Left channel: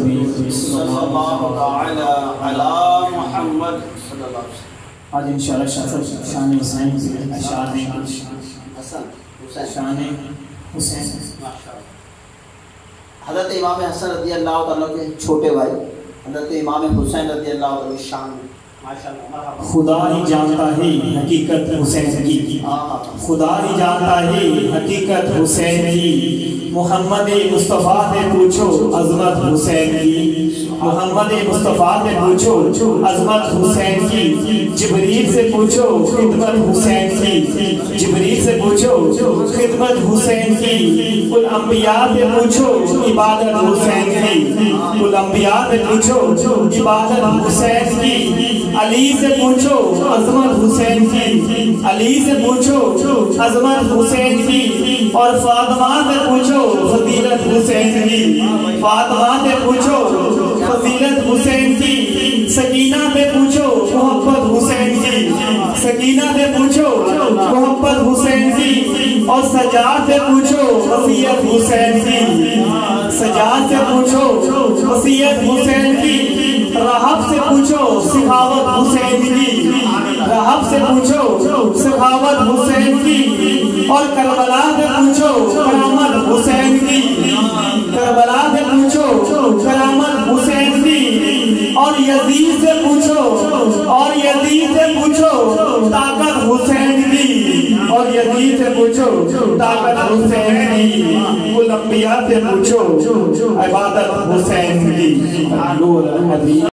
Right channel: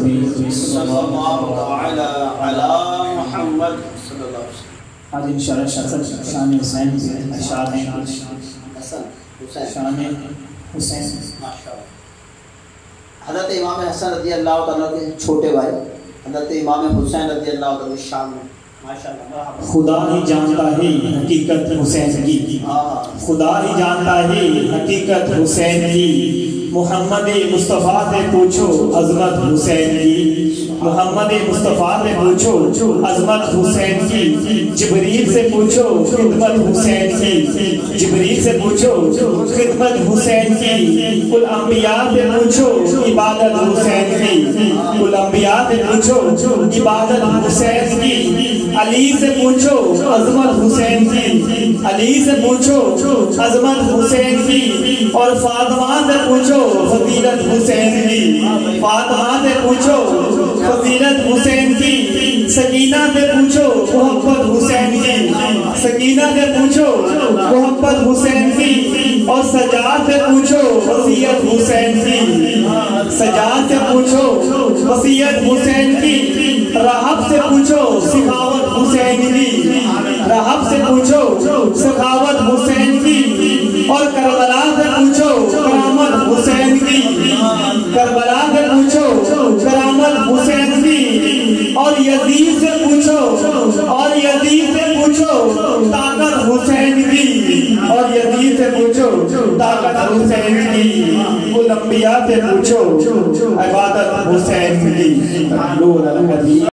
نبی صلی اللہ علی محمد صلی اللہ علیہ وسلم. آج انشاءاللہ شان حسین کے اشعار ہیں. شان حسین حضرت امام حسن رضی اللہ تعالیٰ کے چھوٹے بھائی حضرت امام حسین رضی اللہ تعالیٰ کی شان میں خدا ہی جانتا ہے حقیقت حسین کی. خدا ہی جانتا ہے حقیقت حسین کی. محمد مصطفیٰ سے پوچھو عظمت حسین کی. محمد مصطفیٰ سے پوچھو عظمت حسین کی. جبریل سے پوچھو خدمت حسین کی. جبریل سے پوچھو خدمت حسین کی. کل انبیاء سے پوچھو عبادت حسین کی. کل انبیاء سے پوچھو عبادت حسین کی. علی سے پوچھو عظمت حسین کی. علی سے پوچھو عظمت حسین کی. اور فاطمہ سے پوچھو فضیلت حسین کی. فاطمہ سے پوچھو فضیلت حسین کی. سکینہ سے پوچھو محبت حسین کی. سکینہ سے پوچھو محبت حسین کی. اور سجاد سے پوچھو وصیت حسین کی. سجاد سے پوچھو وصیت حسین کی. رہب سے پوچھو سخاوت حسین کی. رہب سے پوچھو سخاوت حسین کی. اور کربلا سے پوچھو کرامت حسین کی. کربلا سے پوچھو کرامت حسین کی. اور یزید سے پوچھو طاقت حسین کی. اور یزید سے پوچھو طاقت حسین کی. کل انبیاء سے پوچھو عبادت حسین کی.